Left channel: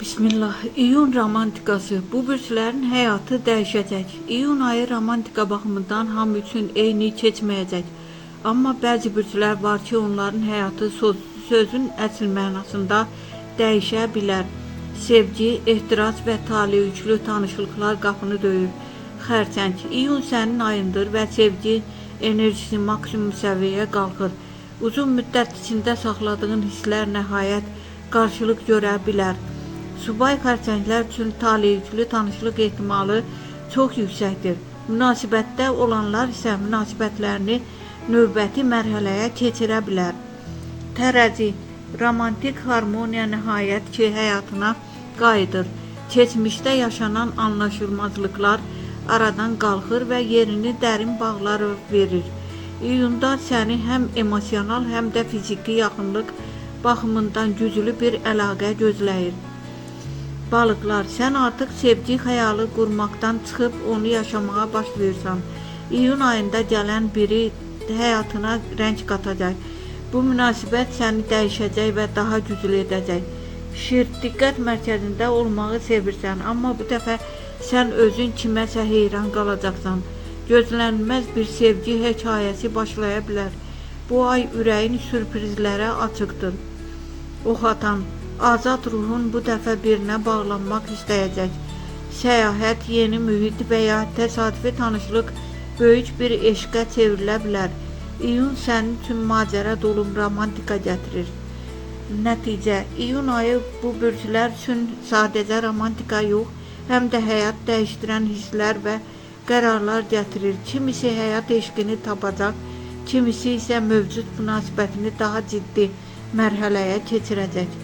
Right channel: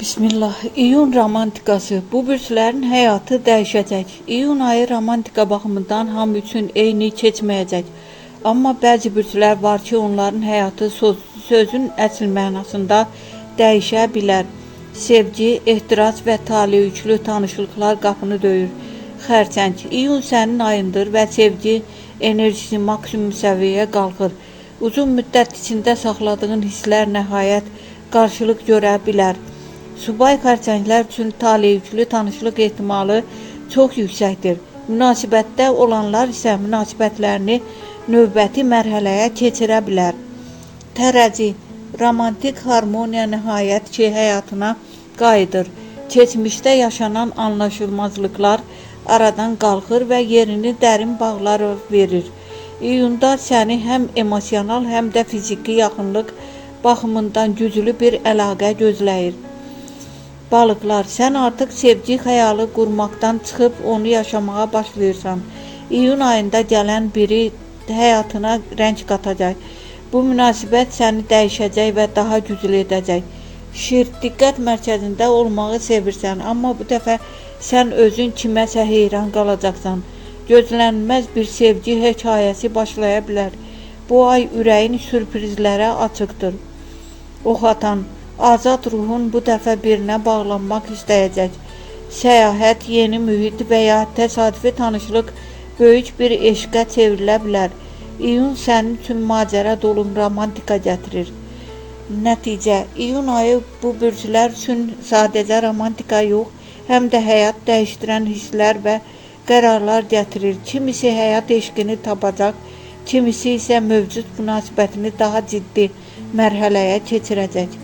Bismillah. İyun romantikası. Bu bürslərin həyatı dəyişəcək. İyun ayı romantika baxımından hamı üçün eyni keçməyəcək. Amma bəzi bürslər var ki, onların həyatı sözün əsl mənasında dəyişə bilər. Sevgi, ehtiras və taleyüklü tanışlıqlar qapını döyür. Xərçəng. İyun sənin ayındır və sevgi enerjisi maksimum səviyyəyə qalxır. Uzun müddət içində saxladığın hisslər nəhayət qarşılıq görə bilər. Subay xərçənglər üçün taleyüklü tanışlıq ehtimalı çox yüksəkdir. Münasibətdə olanlar isə münasibətlərini növbəti mərhələyə keçirə bilər. Tərəzi. Romantik harmoniya nəhayət ki, həyatına qayıdır. Keçmişdə yaşanan anlaşılmazlıqlar aradan qalxır və yerini dərin bağlar verir. İyunda səni həm emosional, həm də fiziki yaxınlıq baxımından güclü bir əlaqə gözləyir. Balıqlar, sən artıq sevgi xəyalı qurmaqdan çıxıb onu yaşamağa başlayırsan. İyun ayında gələn biri həyatına rəng qatacaq. Bu münasibət səni dəyişəcək və daha güclü edəcək. Şir, diqqət mərkəzində olmağı sevirsən, amma bu dəfə sən özün kiməsə heyran qalacaqsan. Gözlənilməz bir sevgi hekayəsi başlaya bilər. Bu ay ürəyin sürprizlərə açıqdır. Ox atan, azad ruhun bu dəfə birinə bağlanmaq istəyəcək. Səyahət, yeni mühit və ya təsadüfi tanışlıq böyük bir eşqə çevrilə bilər. İyun sənin üçün macəra dolu romantika gətirir. Nəticə, iyun ayı bu bürclər üçün sadəcə romantika yox, həm də həyat dəyişdirən hisslər və qərarlar gətirir. Kimisi həyat eşqini tapacaq, kimisi isə mövcud münasibətini daha ciddi mərhələyə keçirəcək.